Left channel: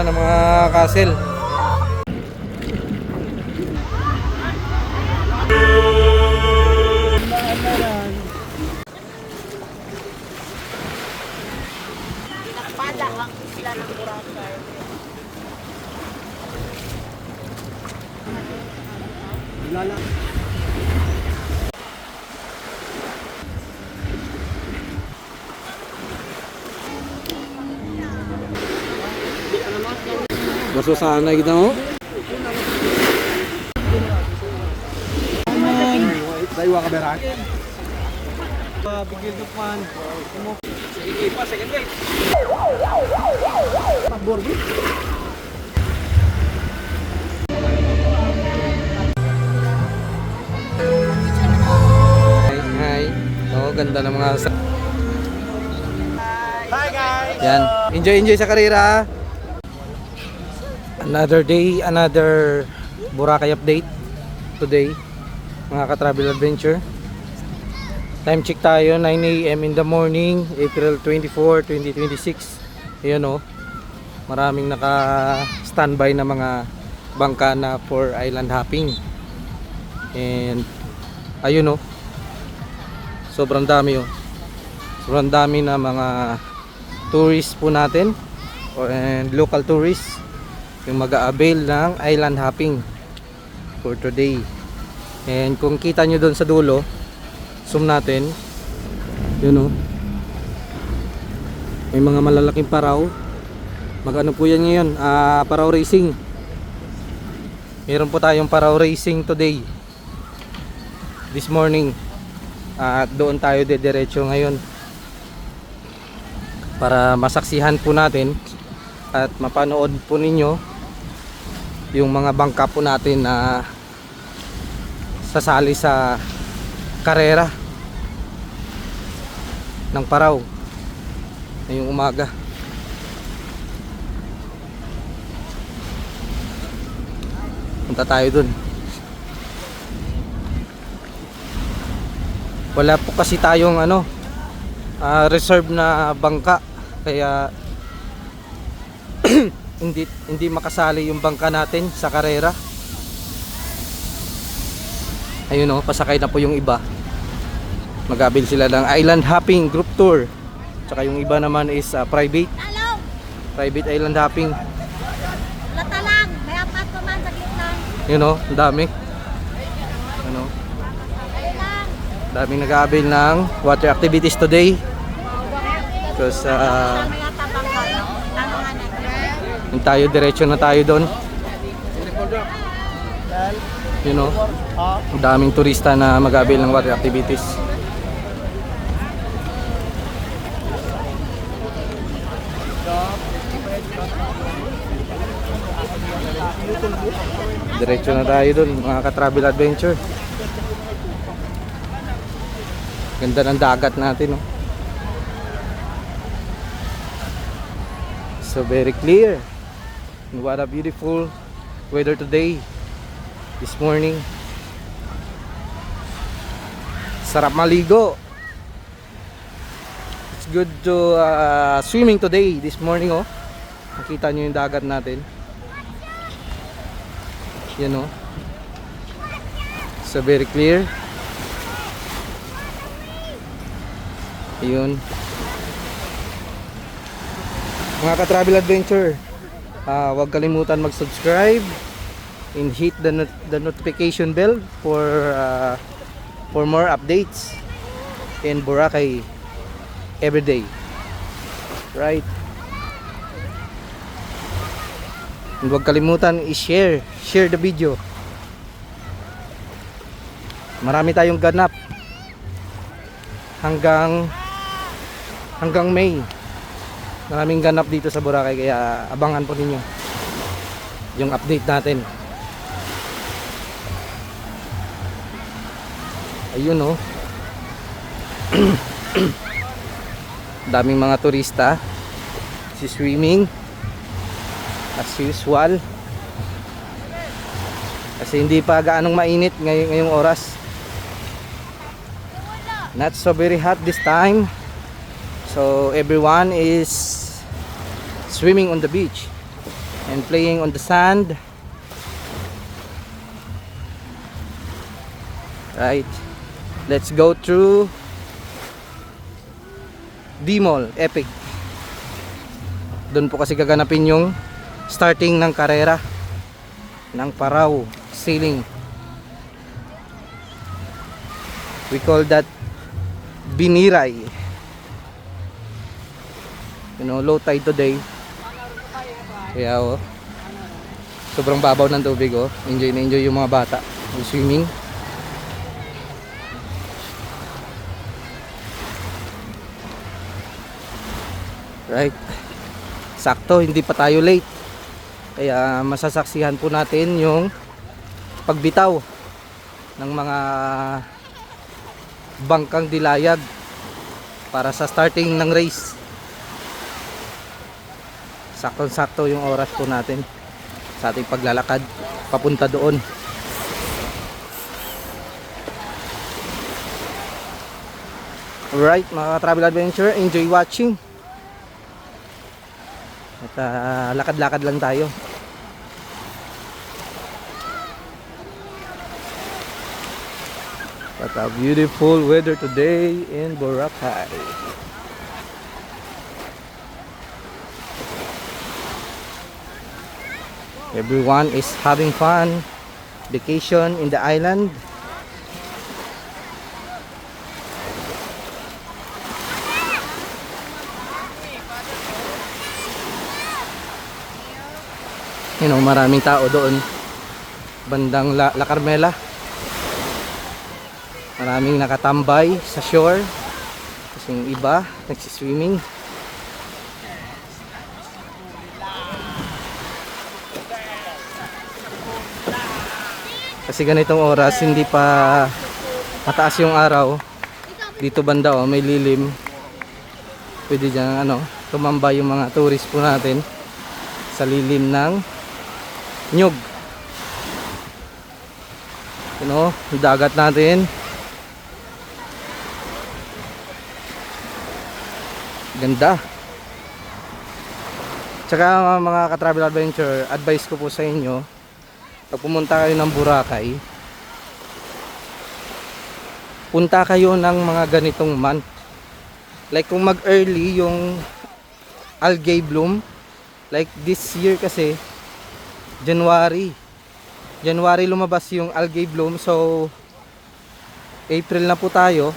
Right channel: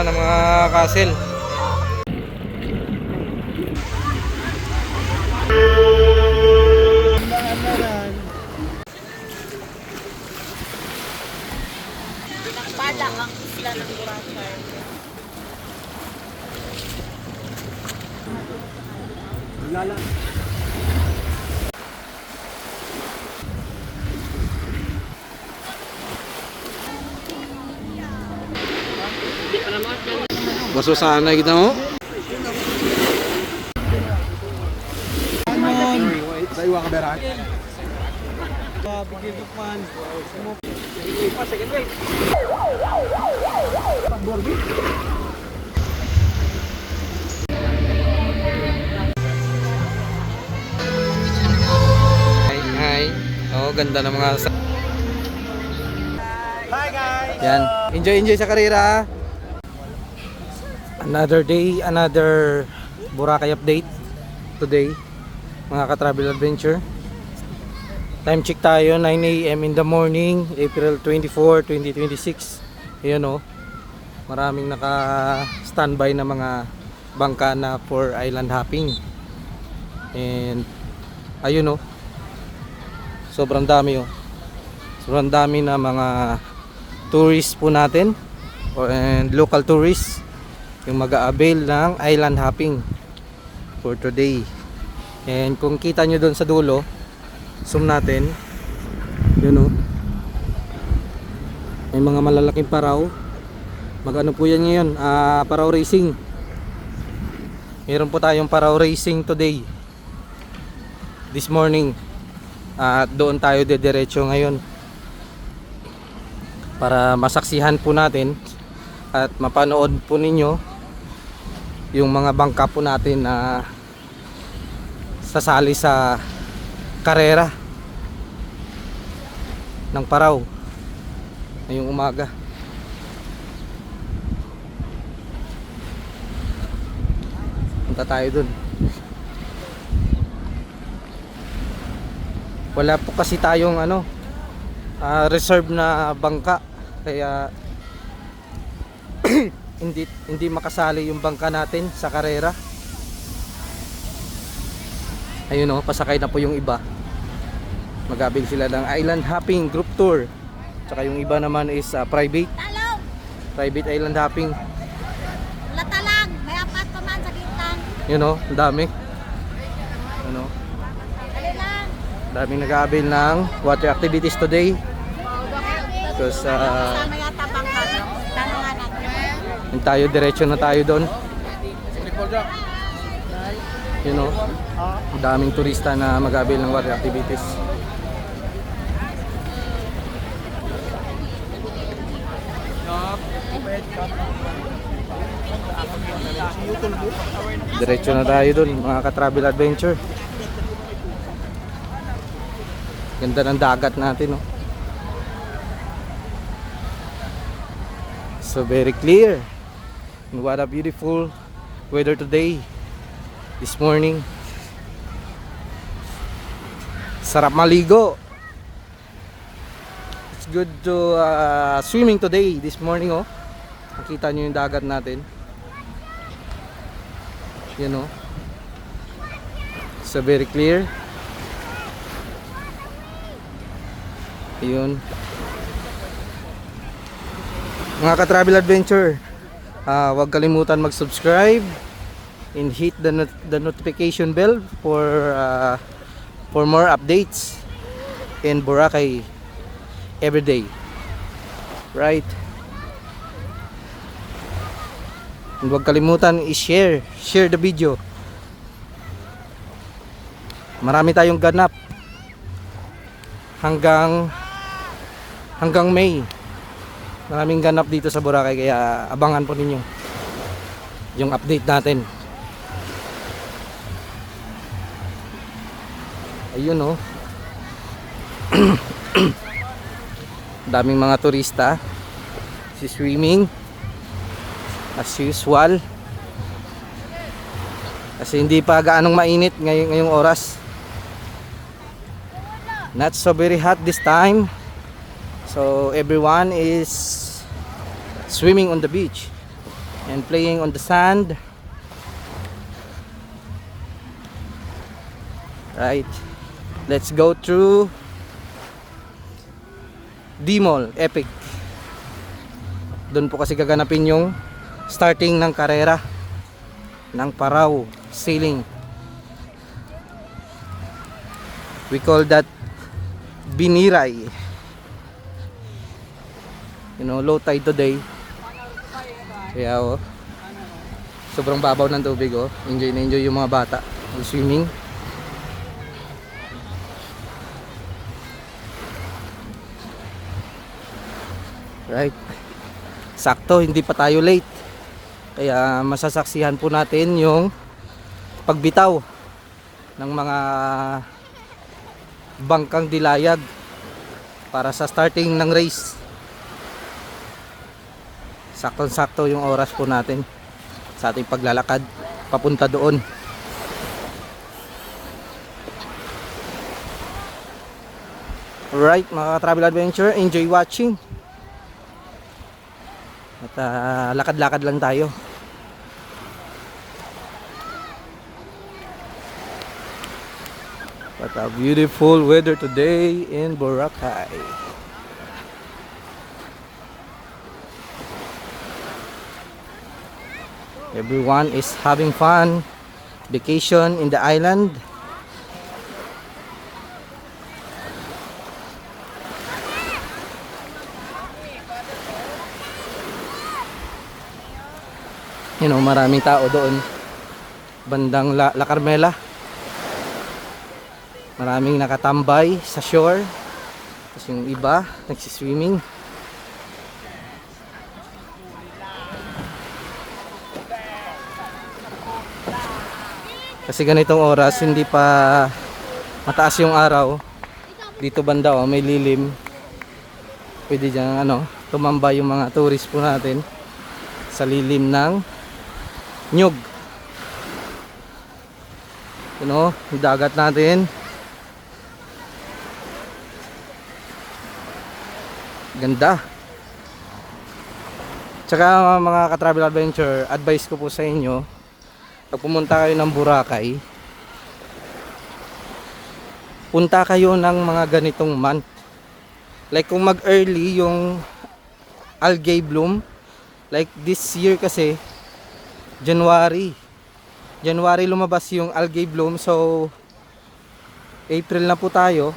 ng mga castle. Padang ang isla ng Boracay. Baso sana kita mo. Daiwa ka beran. Bigil ka pan. Pa second way. Borgi. Hi. Oh, ganda ng mga Hi guys. Yan. Enjoy sa karera. Another day, another Boracay update today, mga ka-travel adventure. Time check tayo, 9 AM in the morning, April 24, 2026. Ayan o, maraming naka-standby na mga bangka na for island hopping. And ayun o, sobrang dami o. Sobrang dami na mga tourists po natin and local tourists yung mag-a-avail ng island hopping for today. And kung kita nyo doon sa dulo, zoom natin, yun o, may mga malalaking paraw. Mag-ano po yan ngayon, paraw racing. Meron po tayong paraw racing today, this morning. At doon tayo dediretso ngayon para masaksihan po natin at mapanood po ninyo yung mga bangka po natin na sasali sa karera ng paraw ngayong umaga. Punta tayo dun. Wala po kasi tayong reserve na bangka, kaya hindi makasali yung bangka natin sa karera. Ayun o, pasakay na po yung iba. Mag-abil sila ng island hopping group tour. Tsaka yung iba naman is private island hopping. Latalang, may apat pa man sa gitna. Yun o, ang dami. Daming nag-aabil ng water activities today. Because yung tayo, diretso na tayo doon. You know, ang daming turista na mag-aabil ng water activities. Diretso na tayo doon, mga ka-travel adventure. Ganda ng dagat natin, no? So very clear. And what a beautiful weather today, this morning. Sarap maligo. It's good to swimming today, this morning, oh. Makita nyo yung dagat natin. You know, so very clear. Ayun, mga ka-travel adventure, huwag kalimutan mag-subscribe and hit the notification bell for more updates in Boracay every day, right? And huwag kalimutan i-share the video. Marami tayong ganap hanggang May. Maraming ganap dito sa Boracay, kaya abangan po ninyo yung update natin. Ayun, oh. Daming mga turista, swimming as usual, kasi hindi pa gaanong mainit ngayong oras. Not so very hot this time. So everyone is swimming on the beach. and playing on the sand. Right, let's go through D-Mall, Epic. Doon po kasi gaganapin yung starting ng karera ng Parao Sailing. We call that Biniray. You know, low tide today. Kaya sobrang babaw ng tubig Enjoy na enjoy yung mga bata mag-swimming. Right. Sakto, hindi pa tayo late. Kaya masasaksihan po natin yung pagbitaw ng mga bangkang dilayag para sa starting ng race. Saktong-sakto yung oras po natin sa ating paglalakad papunta doon. Alright, mga travel adventure, enjoy watching. At lakad-lakad lang tayo. What a beautiful weather today in Boracay. Everyone is having fun, vacation in the island. You know, maraming tao doon bandang La Carmela. Maraming nakatambay sa shore. Kasi yung iba nagsiswimming. Kasi ganitong oras hindi pa mataas yung araw. Dito banda may lilim. Pwede dyan tumambay yung mga tourist po natin sa lilim ng Nyug. Yung dagat natin. Ganda. Tsaka mga ka-travel adventure, advice ko po sa inyo, pag pumunta kayo ng Boracay, punta kayo ng mga ganitong month. Like kung mag-early yung algae bloom, like this year kasi January lumabas yung algae bloom, so April na po tayo.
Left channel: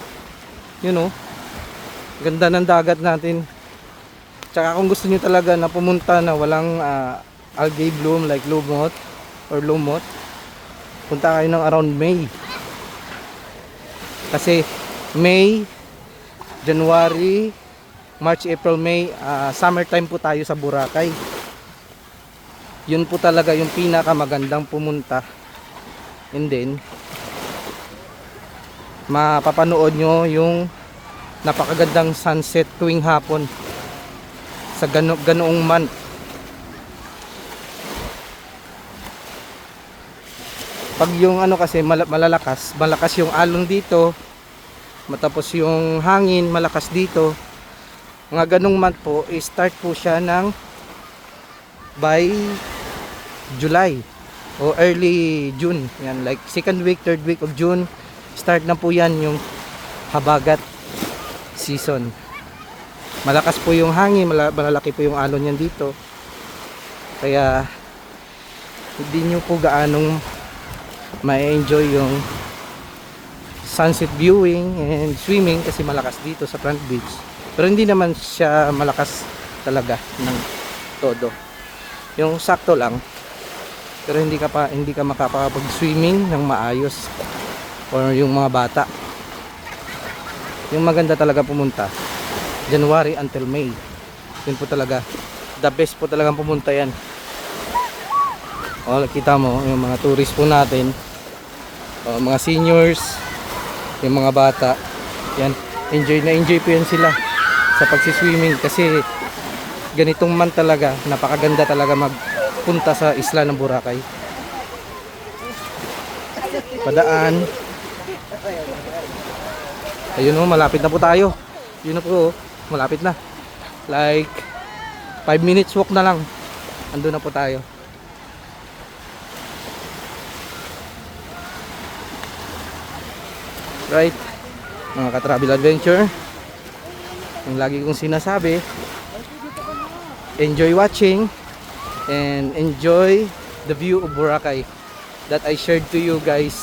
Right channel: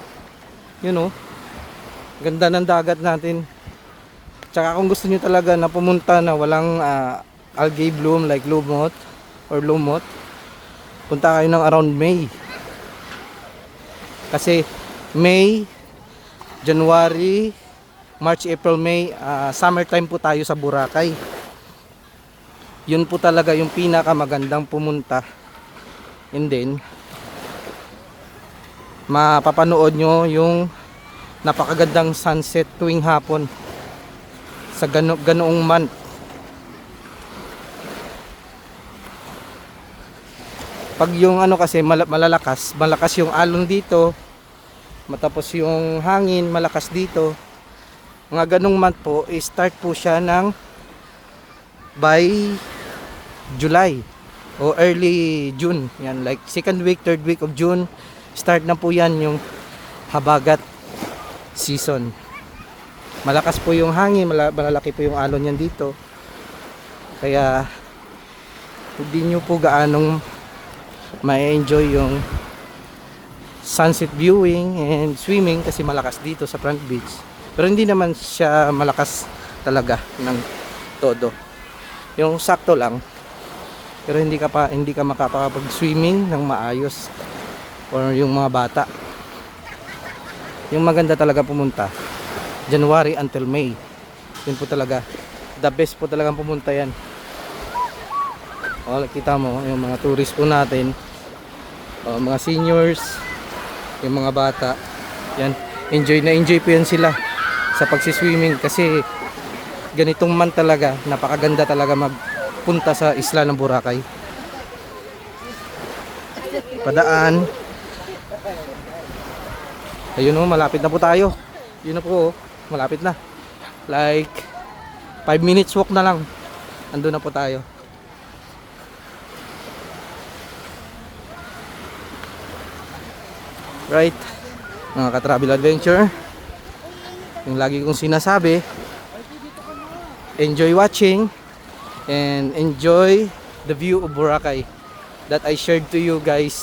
Ganda ng dagat natin. Tsaka kung gusto niyo talaga na pumunta na walang algae bloom like lumot, punta kayo ng around May. Kasi May, January, March, April, May, summertime po tayo sa Boracay. Yun po talaga yung pinakamagandang pumunta. And then mapapanood nyo yung napakagandang sunset tuwing hapon sa ganoong month. Pag yung kasi malakas yung alon dito, matapos yung hangin malakas dito, mga ganong month po, start po siya ng by July o early June. Yan, like second week, third week of June, start na po yan yung habagat season. Malakas po yung hangin, malalaki po yung alon yan dito. Kaya hindi nyo po gaanong ma-enjoy yung sunset viewing and swimming kasi malakas dito sa Front Beach. Pero hindi naman siya malakas talaga ng todo. Yung sakto lang. Pero hindi ka makakapag-swimming ng maayos or yung mga bata. Yung maganda talaga pumunta January until May. Yun po talaga the best po talagang pumunta yan. Kita mo yung mga tourist po natin, mga seniors, yung mga bata, yan, enjoy po yan sila sa pagsiswimming kasi ganitong man talaga, napakaganda talaga magpunta sa isla ng Boracay. Padaan. Ayun malapit na po tayo. Yun na po, malapit na. Like 5 minutes walk na lang. andun na po tayo. Right, mga ka-travel adventure, yung lagi kong sinasabi, enjoy watching and enjoy the view of Boracay that I shared to you guys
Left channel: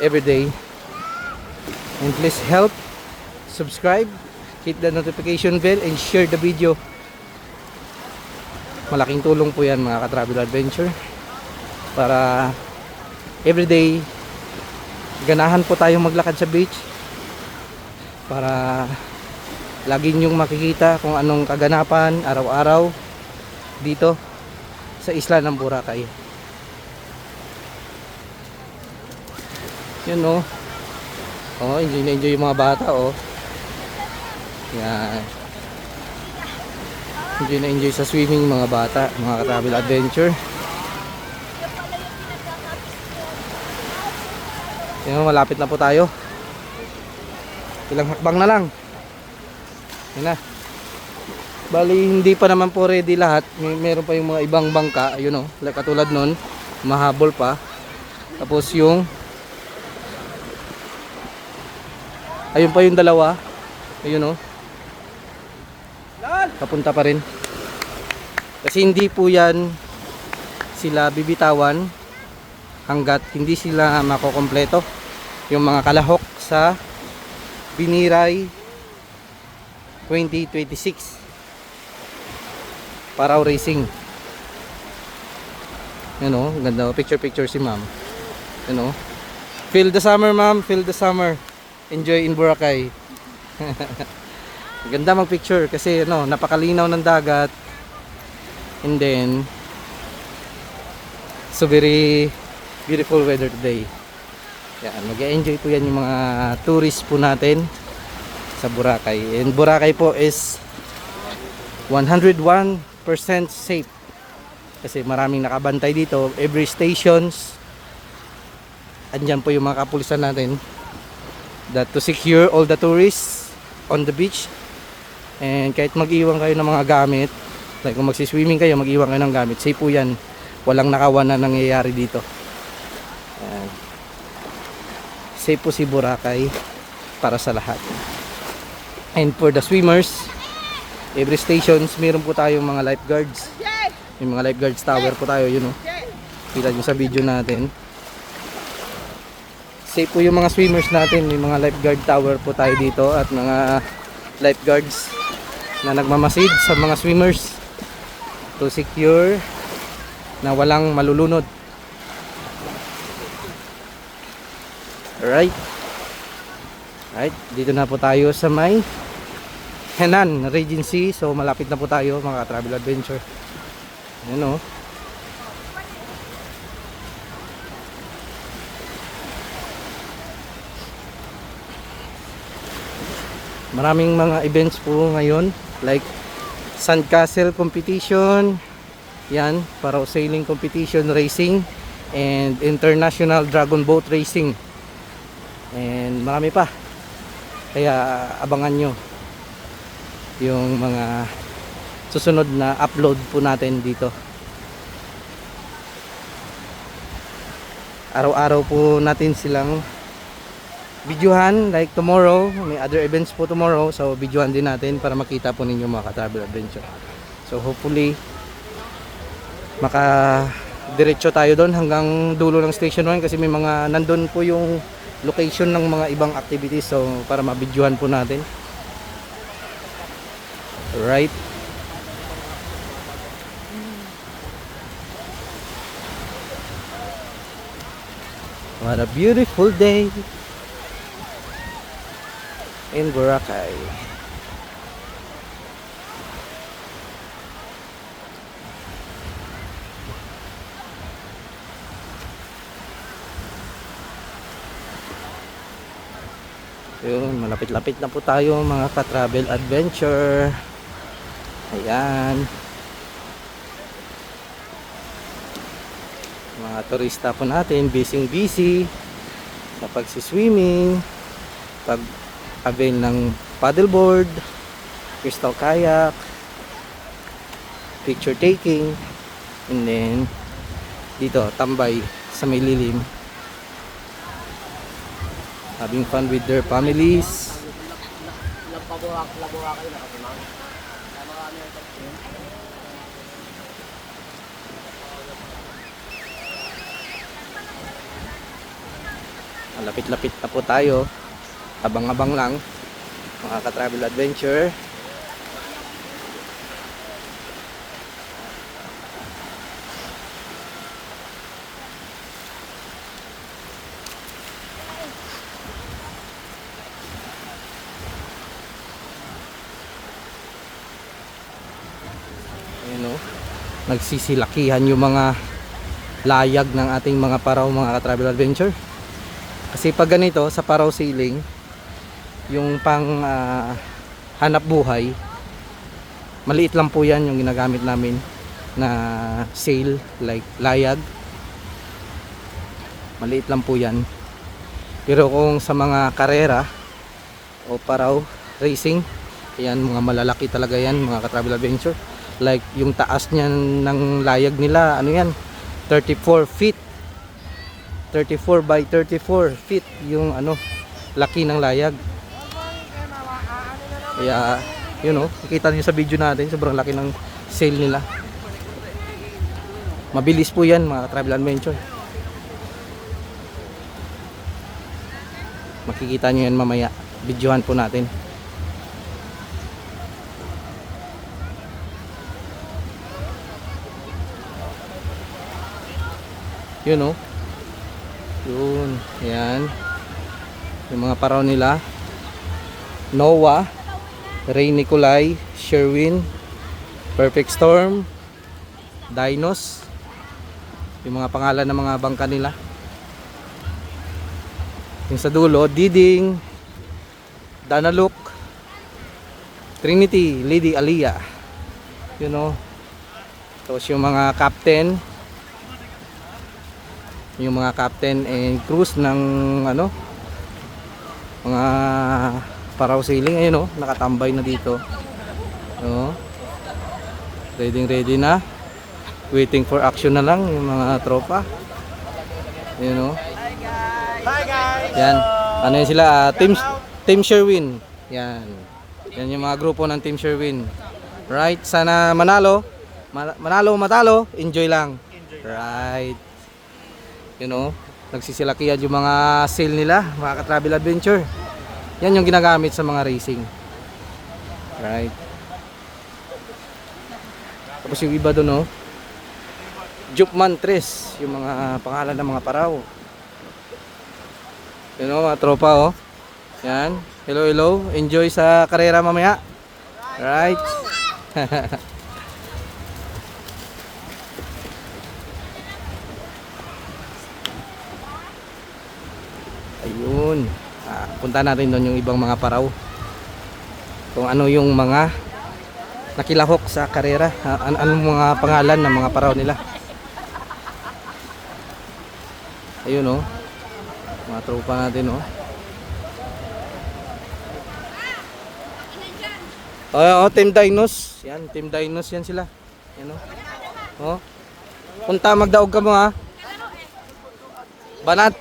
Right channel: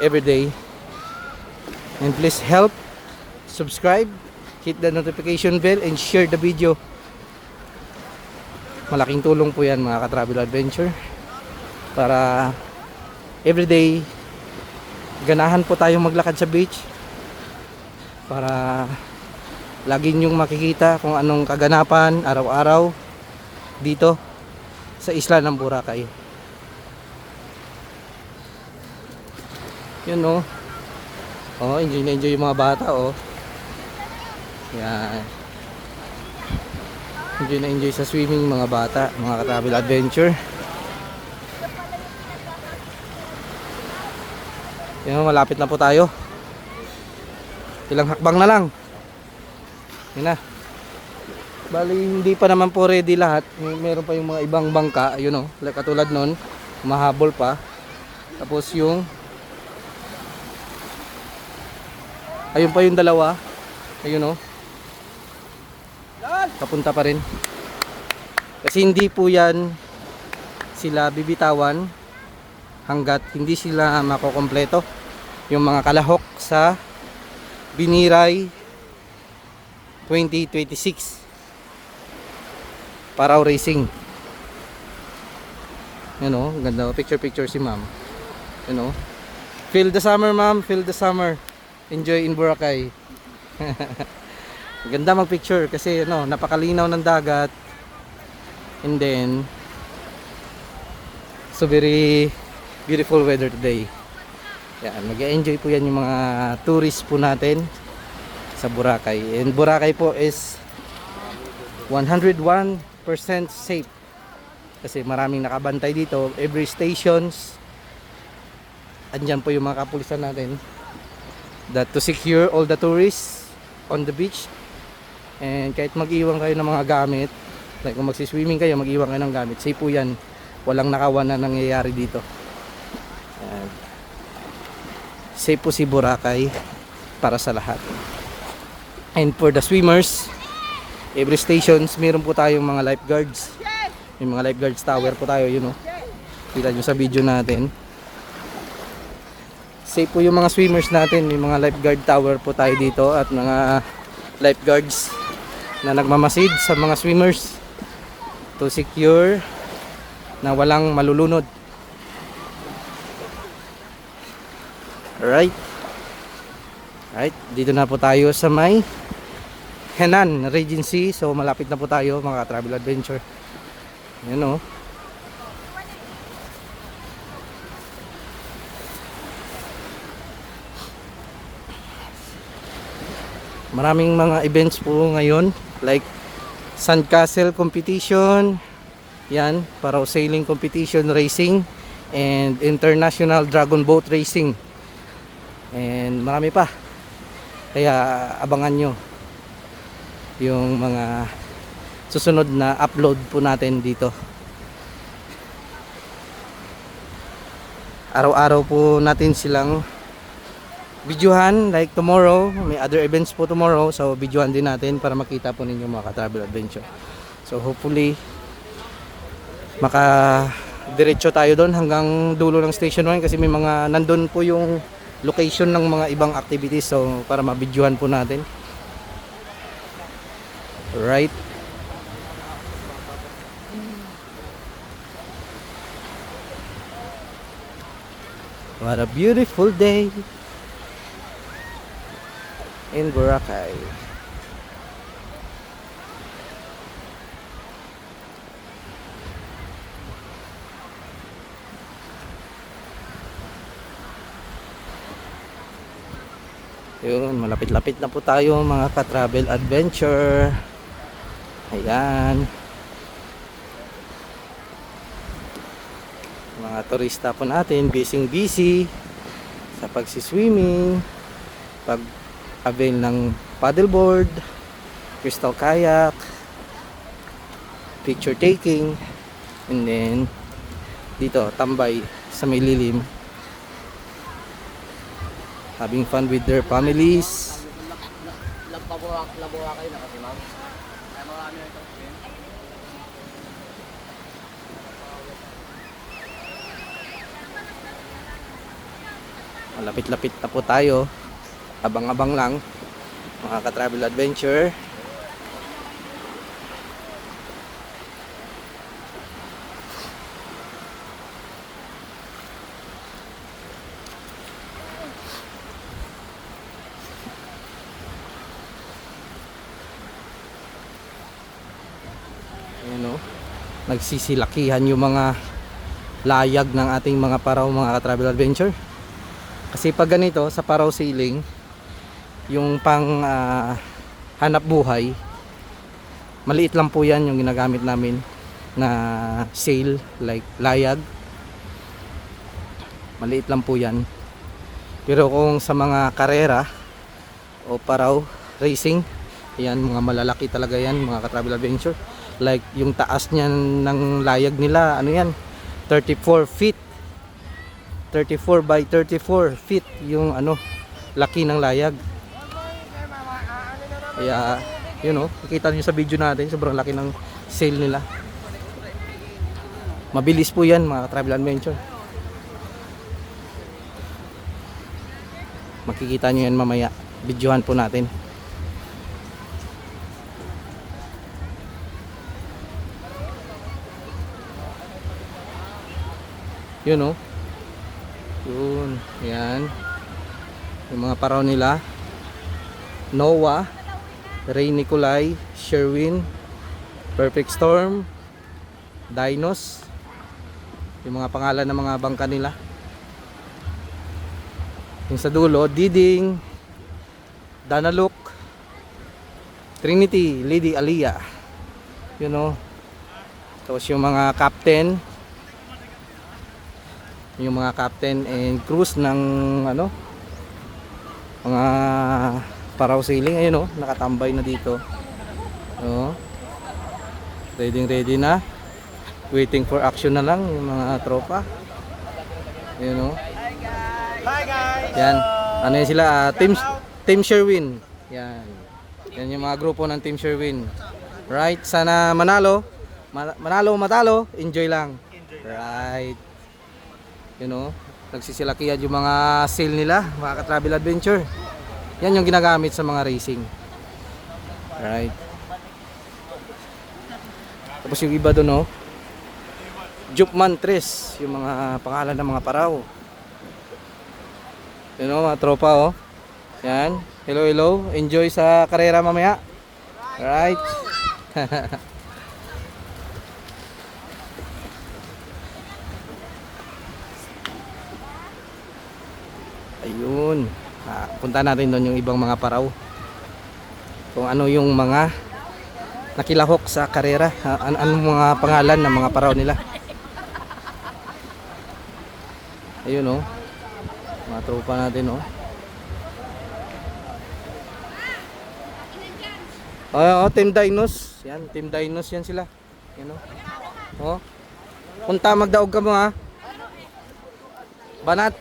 every day. And please help subscribe, hit the notification bell, and share the video. Malaking tulong po yan mga ka-travel adventure, para everyday ganahan po tayong maglakad sa beach, para lagi nyong makikita kung anong kaganapan araw-araw dito sa isla ng Boracay. Yun oh. Oh, enjoy na enjoy yung mga bata oh. Yan. Enjoy na enjoy sa swimming mga bata, mga ka-travel adventure. Yan, malapit na po tayo. Ilang hakbang na lang. Yan na. Bali hindi pa naman po ready lahat. Meron pa yung mga ibang bangka, ayun oh, like katulad nun, mahabol pa. Tapos yung ayun pa yung dalawa. Ayun oh. Papunta pa rin. Kasi hindi po yan sila bibitawan hanggat hindi sila makokompleto yung mga kalahok sa Biniray 2026 Paraw Racing. Yan o, ganda, picture si ma'am. Yan o, feel the summer ma'am, feel the summer, enjoy in Boracay. Ganda mag picture kasi ano, napakalinaw ng dagat, and then so very beautiful weather today. Yan, mag-enjoy po yan yung mga tourists po natin sa Boracay. And Boracay po is 101% safe. Kasi maraming nakabantay dito. Every stations, andyan po yung mga kapulisan natin that to secure all the tourists on the beach. And kahit mag-iwan kayo ng mga gamit, like kung magsiswimming kayo, mag-iwan kayo ng gamit, safe po yan. Walang nakawan na nangyayari dito. Yan. Safe po si Boracay para sa lahat. And for the swimmers, every stations meron po tayong mga lifeguards. May mga lifeguards tower po tayo, yun o. Kita nyo sa video natin. Safe po yung mga swimmers natin. May mga lifeguard tower po tayo dito at mga lifeguards na nagmamasid sa mga swimmers to secure na walang malulunod. Alright. Alright, dito na po tayo sa may Henan Regency. So malapit na po tayo mga travel adventure. Yan o. Maraming mga events po ngayon, like Sandcastle competition, yan, para sailing competition racing, and international dragon boat racing, and marami pa. Kaya abangan nyo yung mga susunod na upload po natin dito. Araw-araw po natin silang videohan, like tomorrow may other events po tomorrow, so videohan din natin para makita po ninyo mga ka-travel adventure. So hopefully maka-diretso tayo doon hanggang dulo ng station 1 kasi may mga nandun po yung location ng mga ibang activities, so para ma-videohan po natin. Right. What a beautiful day in Boracay. Yun, malapit-lapit na po tayo mga ka-travel adventure. Ayan. Mga turista po natin, busy sa pagsiswimming, pag-avail ng paddleboard, crystal kayak, picture taking, and then dito tambay sa may lilim, having fun with their families. Malapit-lapit na po tayo, abang-abang lang mga ka-travel adventure. Ayan o, nagsisilakihan yung mga layag ng ating mga paraw, mga ka-travel adventure. Kasi pag ganito sa paraw sailing, yung pang hanap buhay, maliit lang po yan yung ginagamit namin na sail, like layag. Maliit lang po yan. Pero kung sa mga karera o paraw racing, yan, mga malalaki talaga yan, mga ka-travel adventure. Like yung taas niyan ng layag nila, ano yan, 34 feet. 34 by 34 feet yung ano, laki ng layag. Kaya yun o, nakita nyo sa video natin, sobrang laki ng sail nila. Mabilis po yan, mga travel adventure. Makikita nyo yan mamaya, videohan po natin. Yun o, yun, yan yung mga paraw nila. Noah, Ray Nicolay, Sherwin, Perfect Storm, Dinos, yung mga pangalan ng mga bangka nila. Yung sa dulo, Diding, Danaluk, Trinity, Lady Alia, you know. Tapos yung mga captain, yung mga captain and crews ng ano, mga paraw sailing. Ayun o, nakatambay na dito. Ready na, waiting for action na lang yung mga tropa. Ayun o. Hi guys! Yan, ano yun sila, Team Sherwin. Yan, yan yung mga grupo ng Team Sherwin. Right, sana manalo, matalo, enjoy lang. Right, you know, nagsisilakihan yung mga sail nila, mga ka-travel adventure. Yan yung ginagamit sa mga racing. Right. Tapos yung iba doon, Jupman 3, yung mga pangalan ng mga paraw. You know, mga tropa Yan. Hello, hello. Enjoy sa karera mamaya. Right. Ayun, punta natin doon yung ibang mga paraw, kung ano yung mga nakilahok sa karera, anong mga pangalan ng mga paraw nila. Ayun mga tropa natin Team Dinos. Yan, Team Dinos yan sila. Yan punta, magdaog ka mo Banat.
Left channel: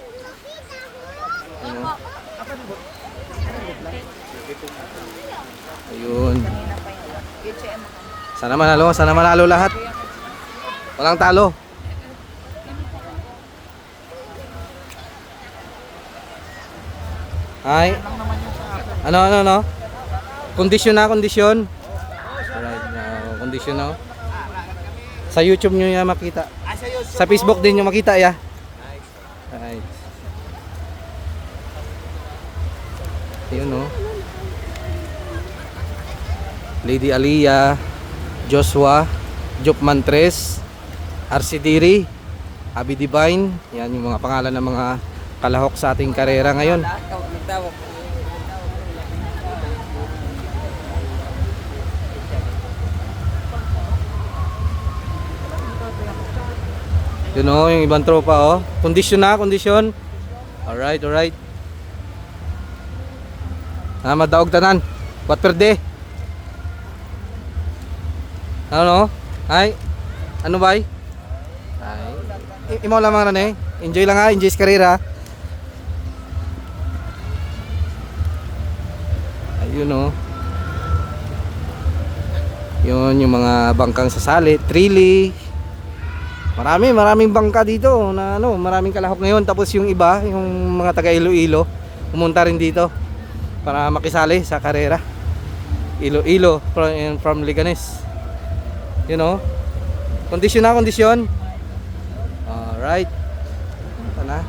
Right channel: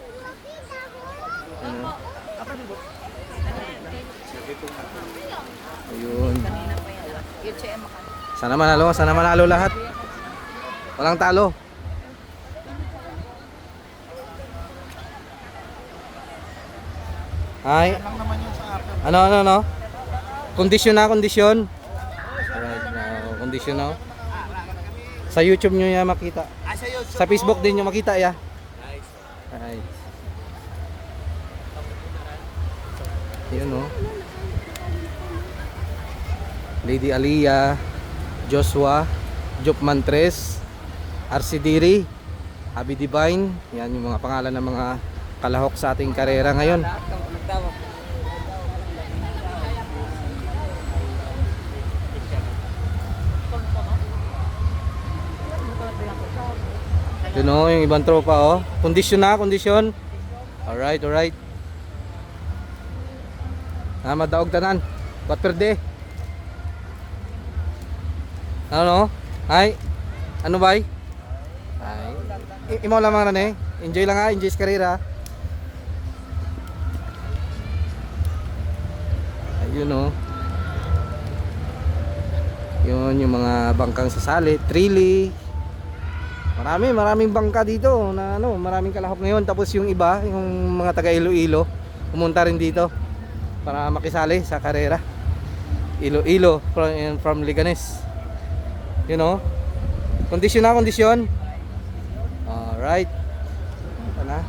Ayun. Sana manalo lahat. Walang talo. Ay. Ano? Kondisyon. Alright, kondisyon Sa YouTube nyo yan makita. Sa Facebook din nyo makita ya. Alright. Ayun Lady Alia, Joshua, Jupman 3, Arsidiri, Abi Divine. Yan yung mga pangalan ng mga kalahok sa ating karera ngayon. Yun yung ibang tropa kondisyon. Alright. Madaog tanan. What per day? Ano? Ay, ano ba? Ay, imaw lamang na eh. Enjoy lang ha, enjoy sa karera. Ayun oh. Yun yung mga bangkang sasali, trilly. Maraming bangka dito na ano, maraming kalahok ngayon. Tapos yung iba, yung mga taga Iloilo, pumunta rin dito para makisali sa karera. Iloilo from Liganes. You know? Kondisyon na, kondisyon. Alright. Ito na.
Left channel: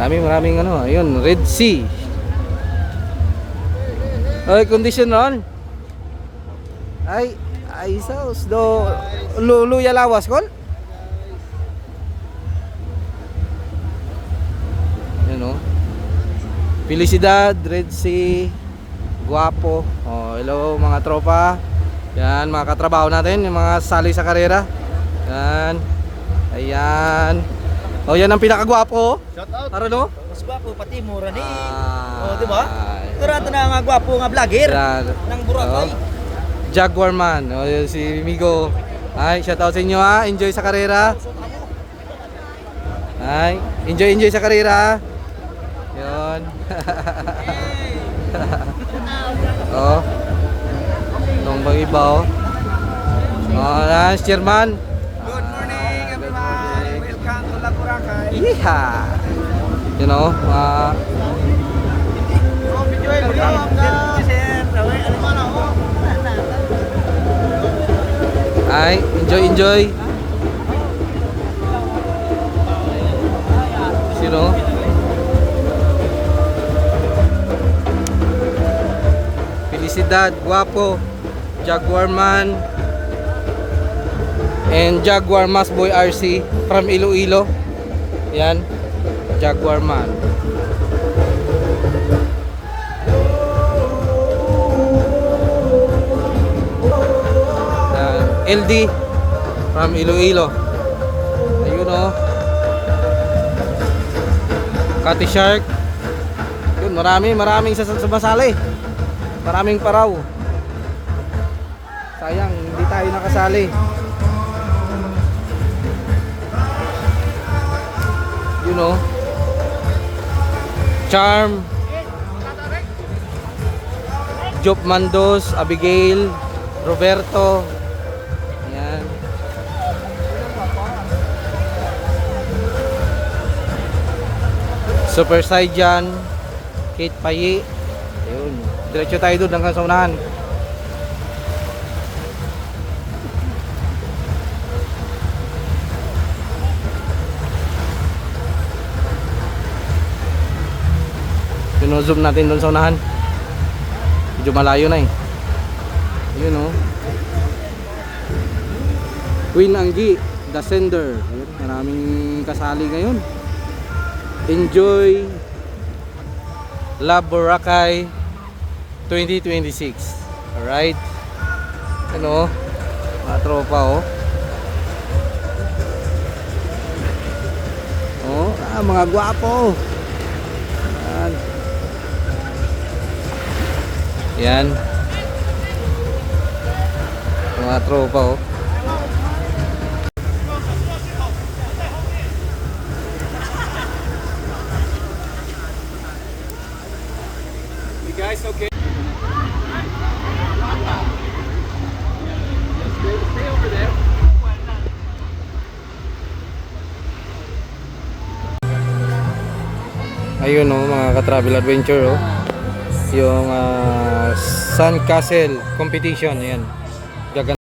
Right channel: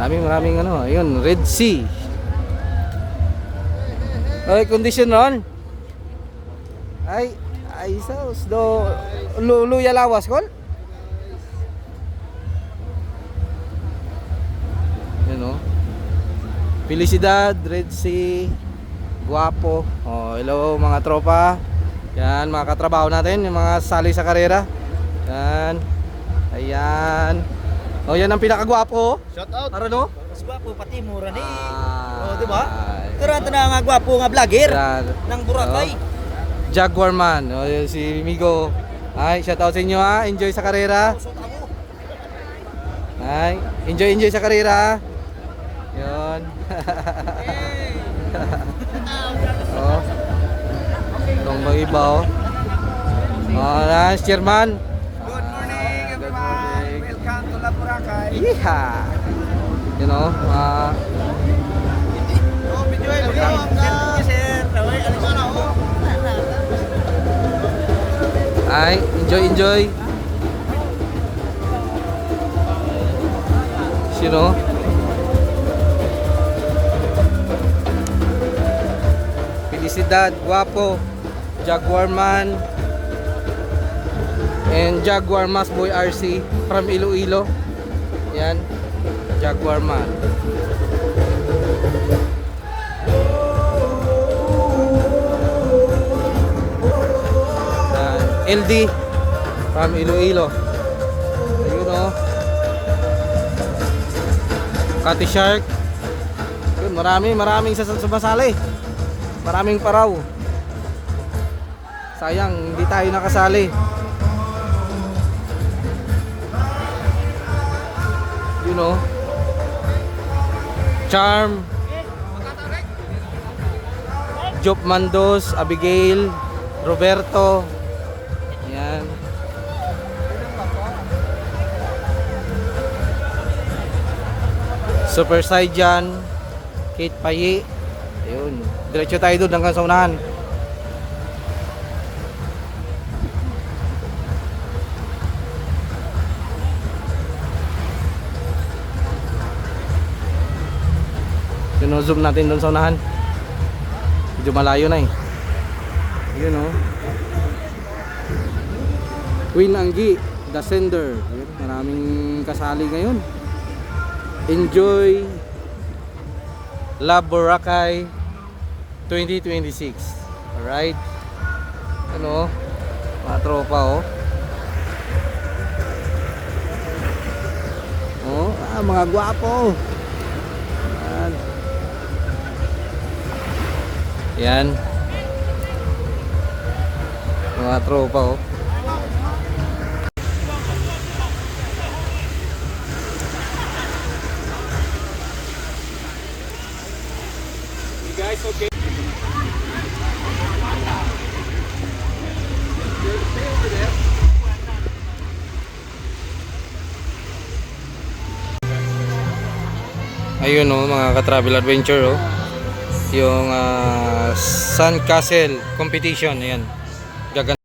Maraming ano, ayun, Red Sea. Ay, kondisyon ron. Ay sauce do luya lawas kol. You know. Felicidad, Red Sea, Guapo. Oh, hello mga tropa. Yan, mga katrabaho natin, yung mga sali sa karera. Yan. Ayan. Oh, yan ang pinakagwapo. Shout out. Para no? Mas gwapo pati mura ni. Ah, di ba? Tara na nga gwapo nga vlogger Yan. ng Boracay. Jaguar man. Oh, yun si Migo. Ay, shout out sa inyo ha. Enjoy sa karera. Ay, enjoy sa karera. Yun. Oh. Tong iba oh. Oh, chairman. Good morning Good everyone. morning. Welcome to La Boracay. Yeah. You know, ay, enjoy. You know. Felicidad, Guapo, Jaguar Man, and Jaguar Mas Boy RC from Iloilo. Yan, Jaguar Man. Yan, LD from Iloilo. Ayun oh. Cutty Shark. Yun, maraming sumasali. Maraming paraw. Sayang, hindi tayo nakasali. You know. Charm, Job Mandos, Abigail, Roberto. Yan. Super Saiyan, Kate Paye. Ayun. Diretso tayo doon hanggang sa unahan. Zoom natin doon sa unahan. Medyo malayo na eh. Yun oh. Queen Anggi, The Sender. Yun, maraming kasali ngayon. Enjoy La Boracay 2026. Alright. Ano, mga tropa oh. Oh, mga gwapo. Yan. Mga tropa oh. You guys okay? Ayun oh, mga ka-travel adventure oh. Yung Sun Castle competition, ayan. Gaganda.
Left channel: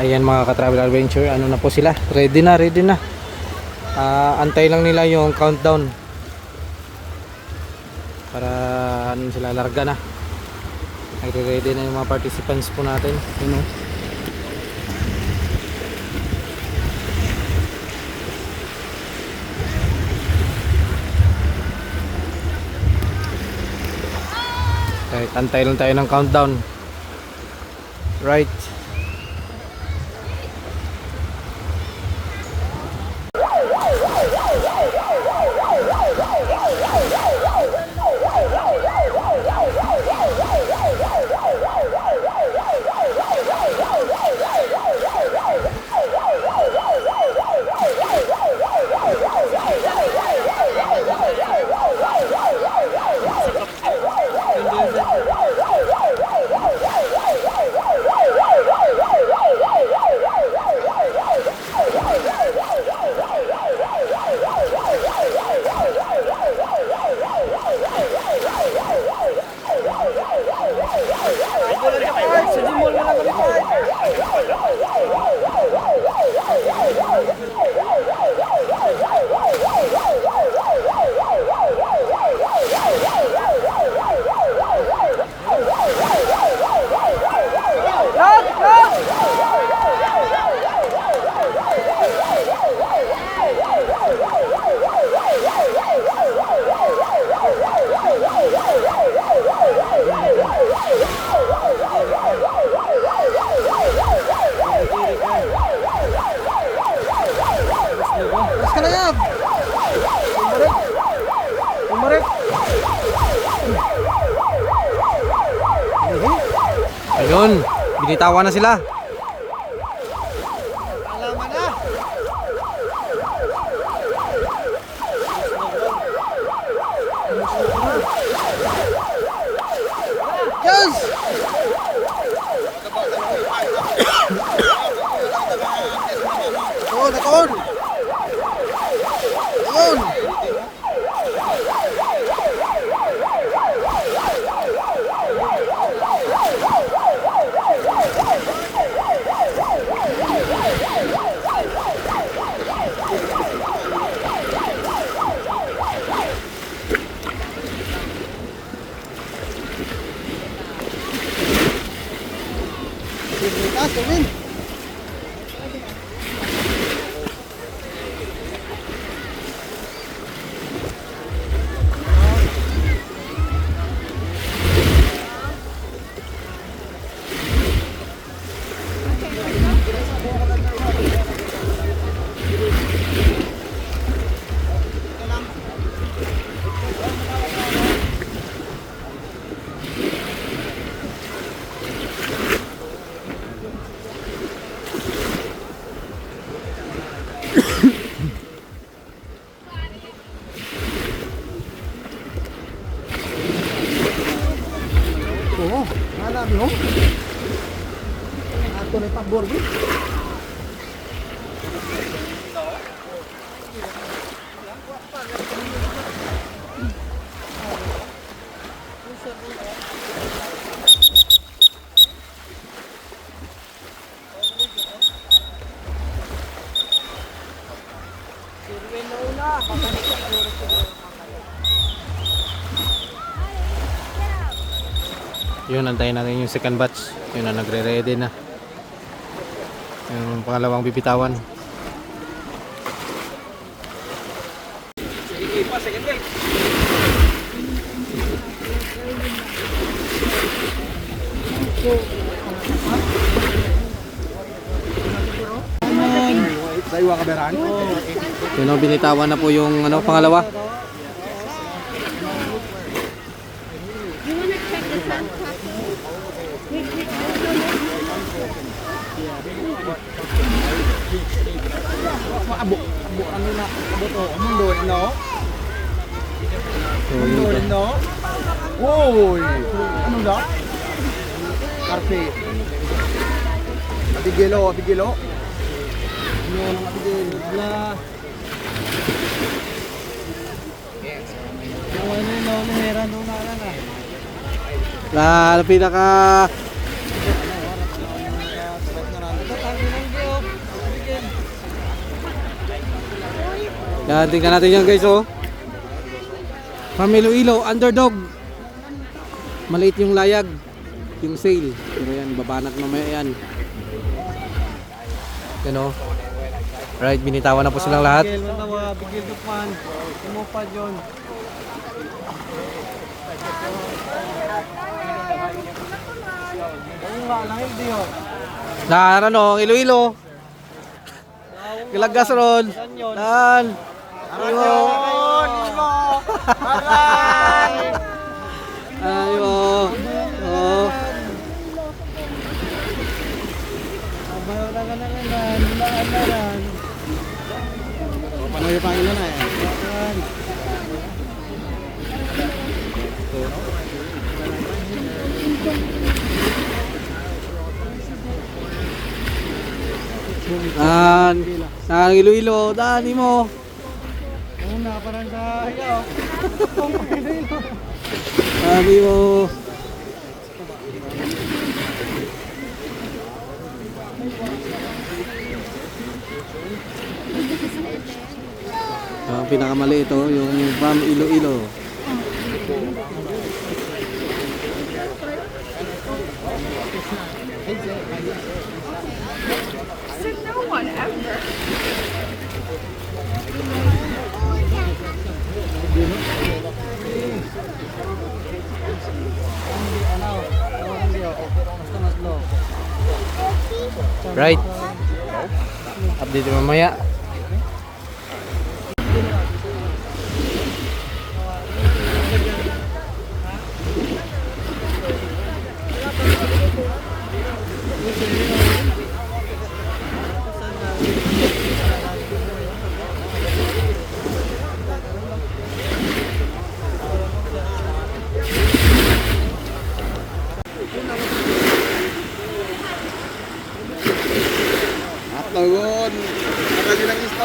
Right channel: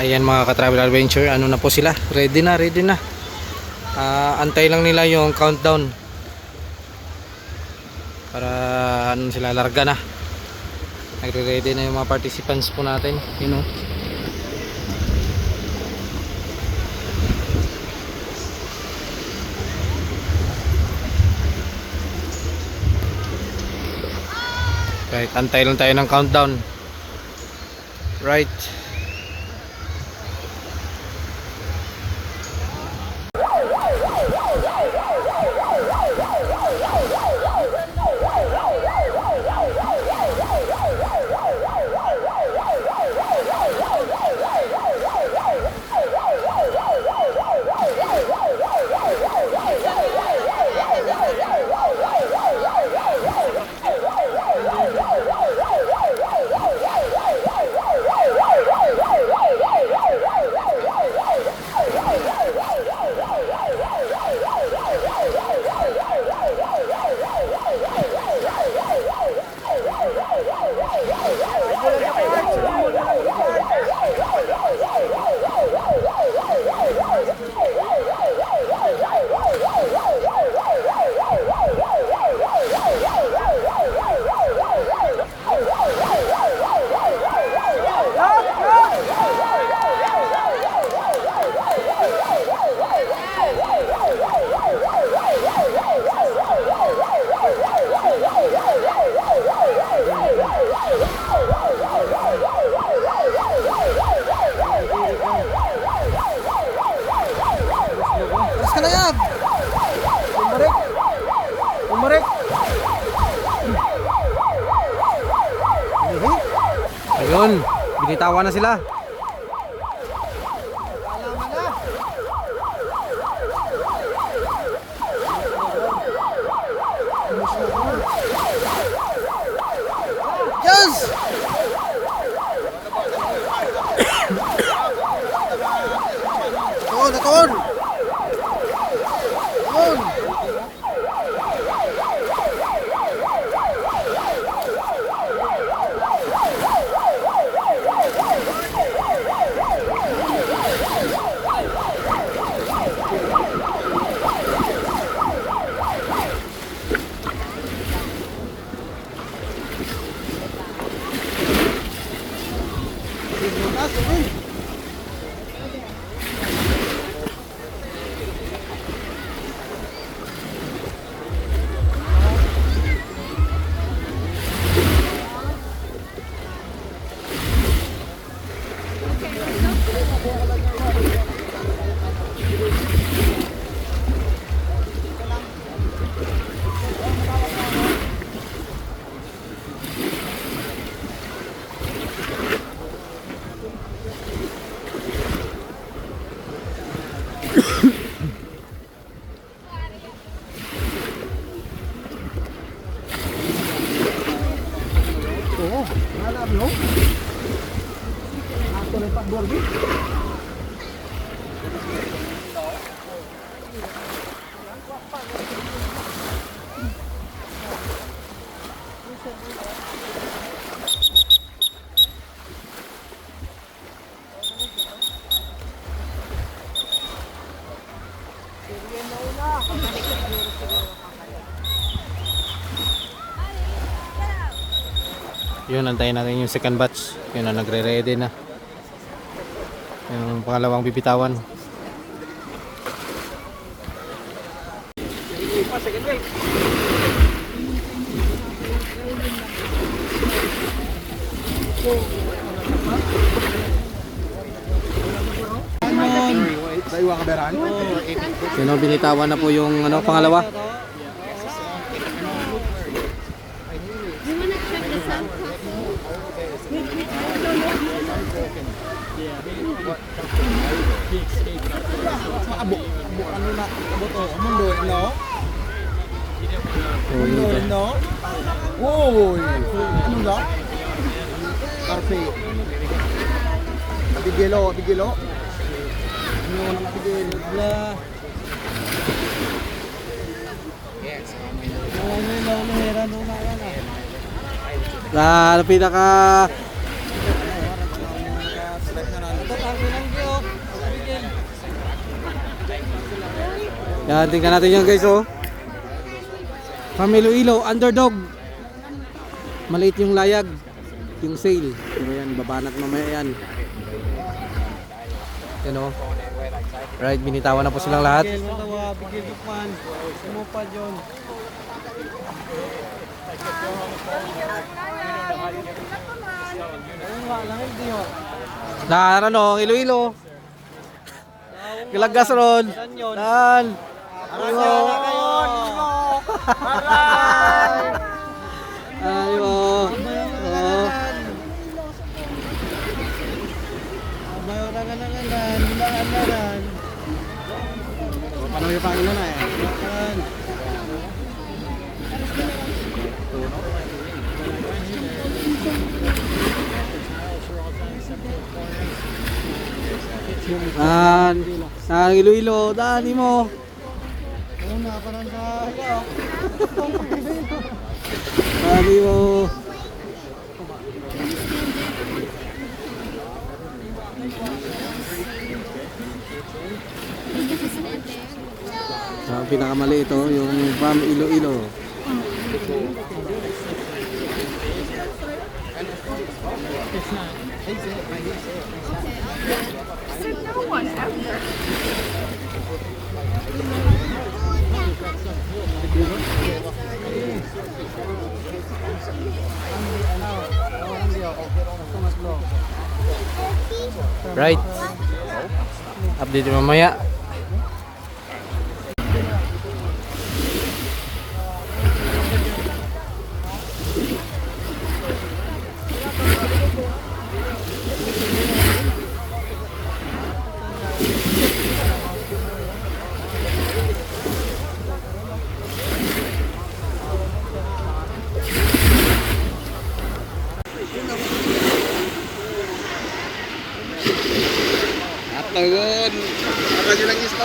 Ayan mga ka-travel adventure, ano na po sila, ready na, ready na. Antay lang nila yung countdown para ano sila, larga na. Nagre-ready na yung mga participants po natin, you know. Right, antay lang tayo ng countdown. Right. Alas ka na yan! Umarik! Umarik! Ayun, binitawan na sila. Alaman na! Yes! Nakon! Nakon! Nakon! Alam mo? Ato na pabor din. Yun, antayin natin yung second batch. Yun na, nagre-ready na yung pangalawang bibitawan. Daywa ka beran? Yun, binitawan na po yung ano, pangalawa. Abo ano na abo to mundo no So, yun mundo ba? no oy ano na karpe abigelo ano nang abigelo bla no meron no na Pinaka Yan, tingnan natin yan guys oh. From Iloilo, underdog. Maliit yung layag, yung sail. Pero yan, babanat mamaya yan. Yan oh. Right, binitawan na po silang lahat. Na ano, Iloilo. Galagas ron. Dan. Ayo. Ayo. Oh. Panay pa ina na. Nan Iloilo, dani mo. Una parang sa higaw. Dani mo. Ang pinakamali ito, yung from Iloilo. Right. Update mamaya. Ayun. Lagi ng isto.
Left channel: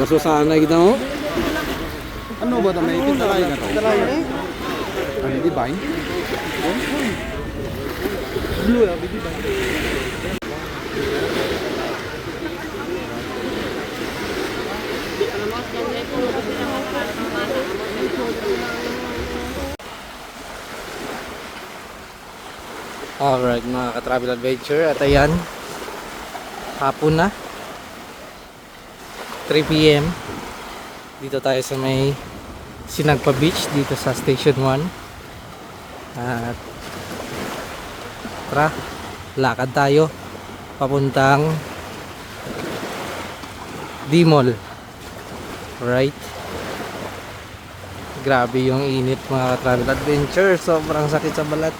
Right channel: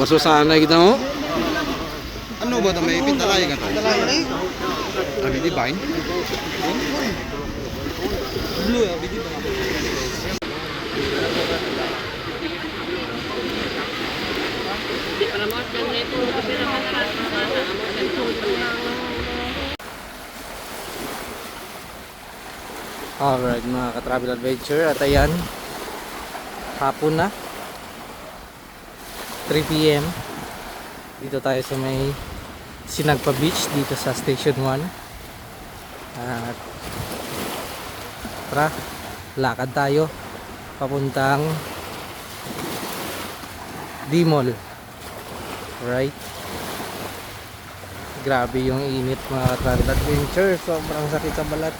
Baso sana kita mo. Ano ba ito? May pintalay ka to? Ano di ba? Alright mga ka-travel adventure, at ayan, hapon na, 3 PM. Dito tayo sa may Sinagpa Beach, dito sa Station 1. At tara, lakad tayo papuntang D-Mall. Alright, grabe yung init mga ka-travel adventure, sobrang sakit sa balat.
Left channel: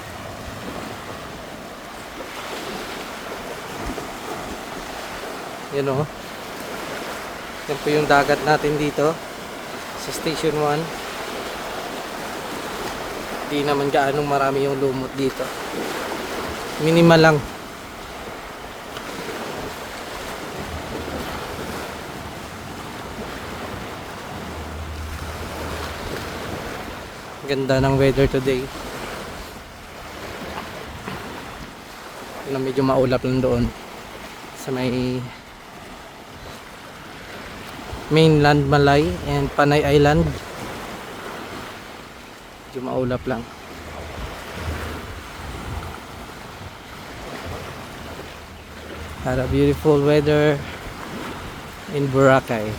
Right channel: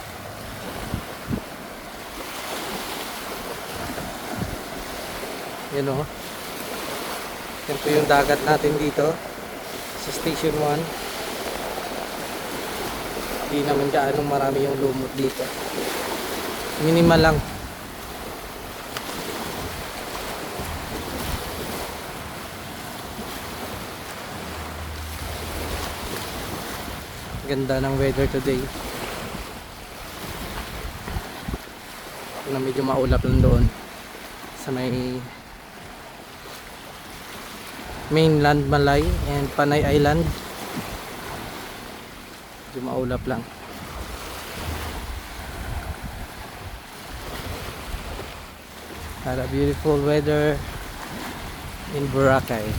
Yan o. Yan po yung dagat natin dito sa Station 1. Hindi naman gaanong marami yung lumot dito. Minimal lang. Ganda ng weather today. Medyo maulap lang doon sa may mainland Malay and Panay Island. Maulap lang. Had a beautiful weather in Boracay.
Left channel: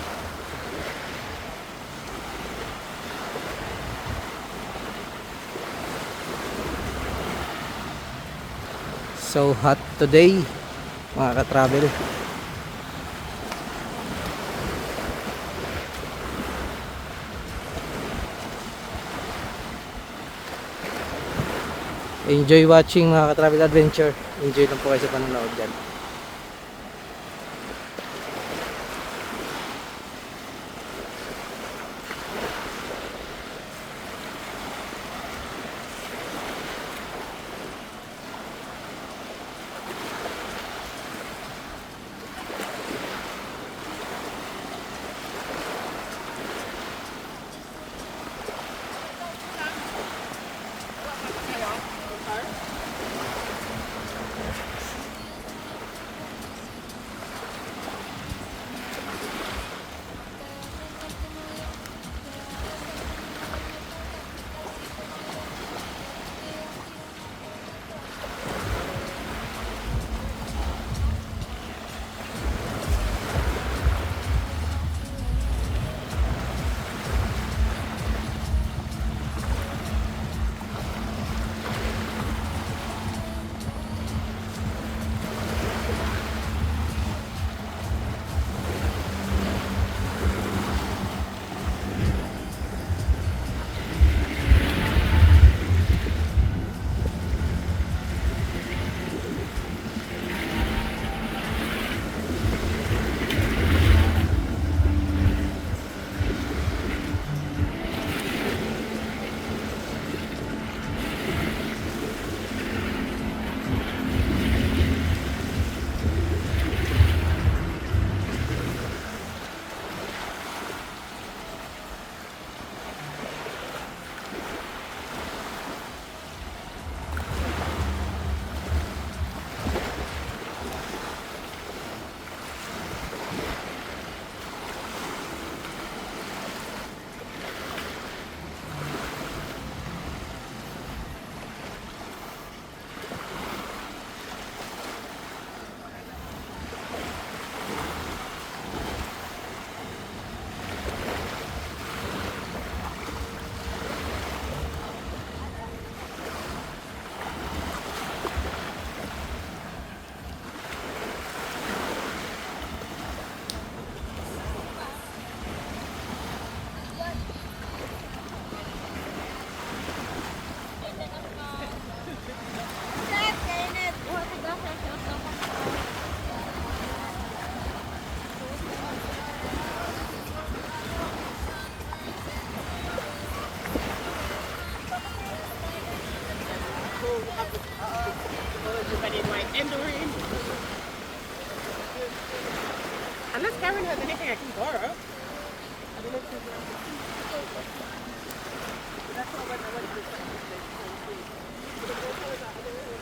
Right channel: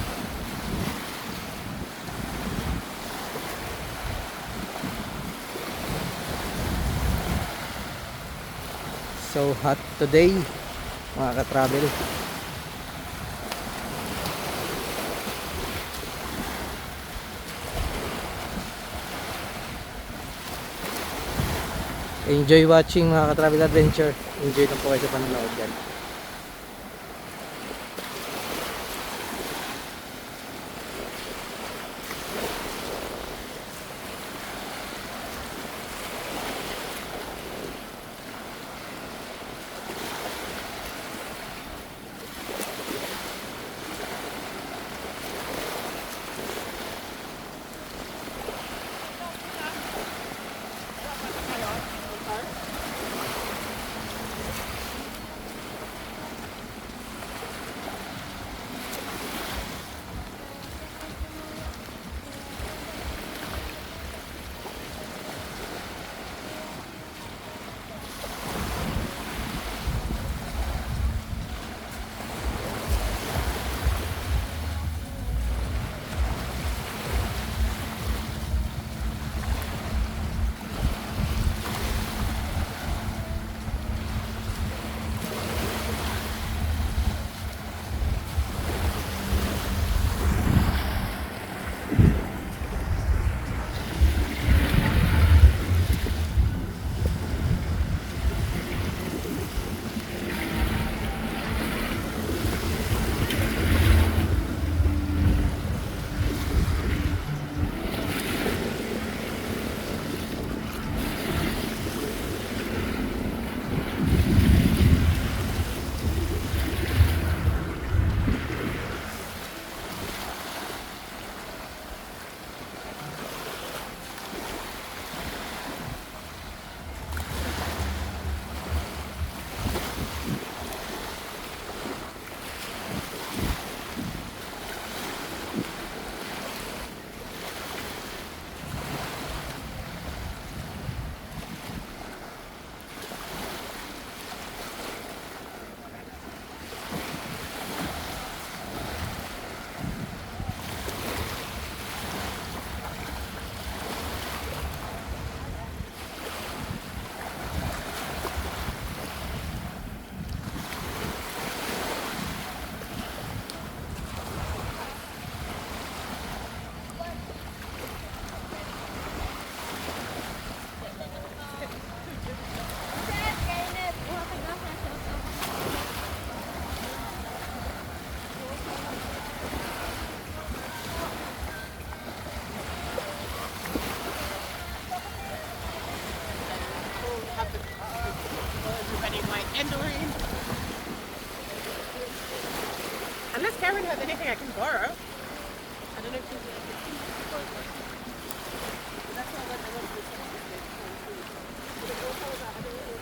So hot today mga ka-travel. Enjoy watching mga ka-travel adventure. Enjoy lang po kayo sa panonood dyan. Unless Kevin will be taking her tomorrow. I don't know if it's that's why when I went to the second stage, but the water was out. I don't know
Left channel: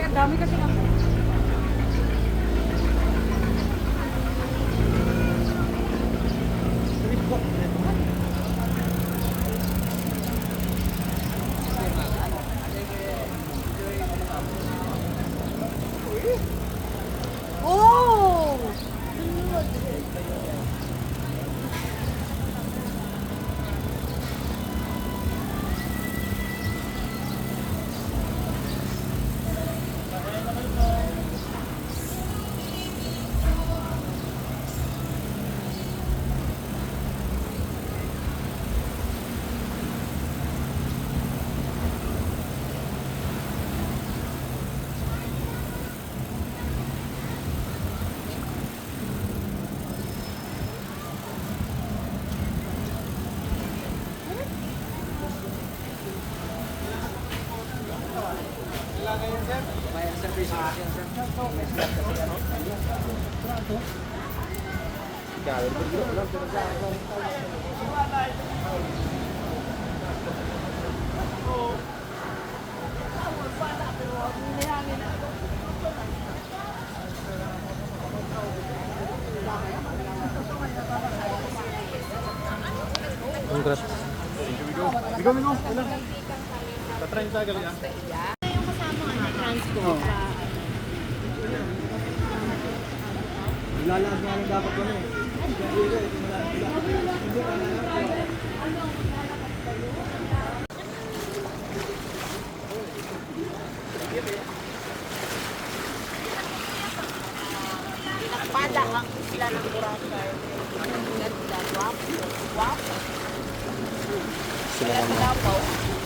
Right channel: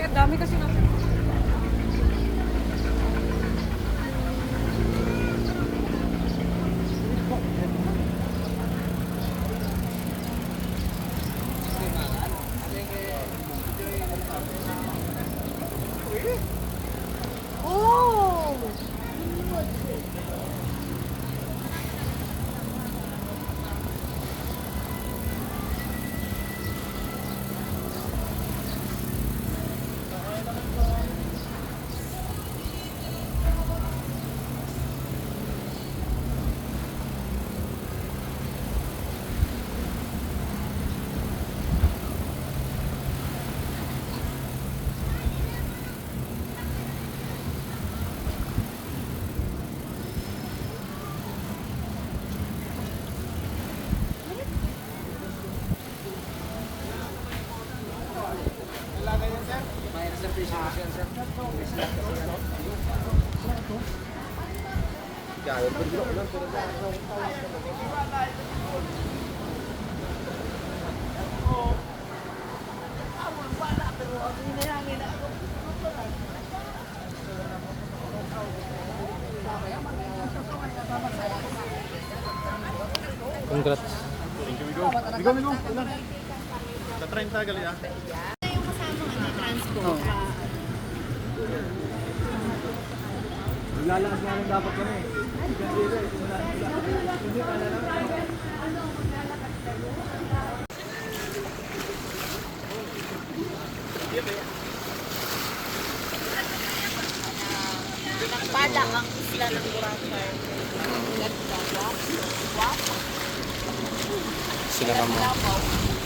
Ang dami kasi na. Oh! Congrats. Bigo, bigo. Wala. Tatrain sa gali ah. Ilalaan na lang dapat ko na eh. Bala ang isla ng Boracay. Ganda, wapo, wapo. Sila naman.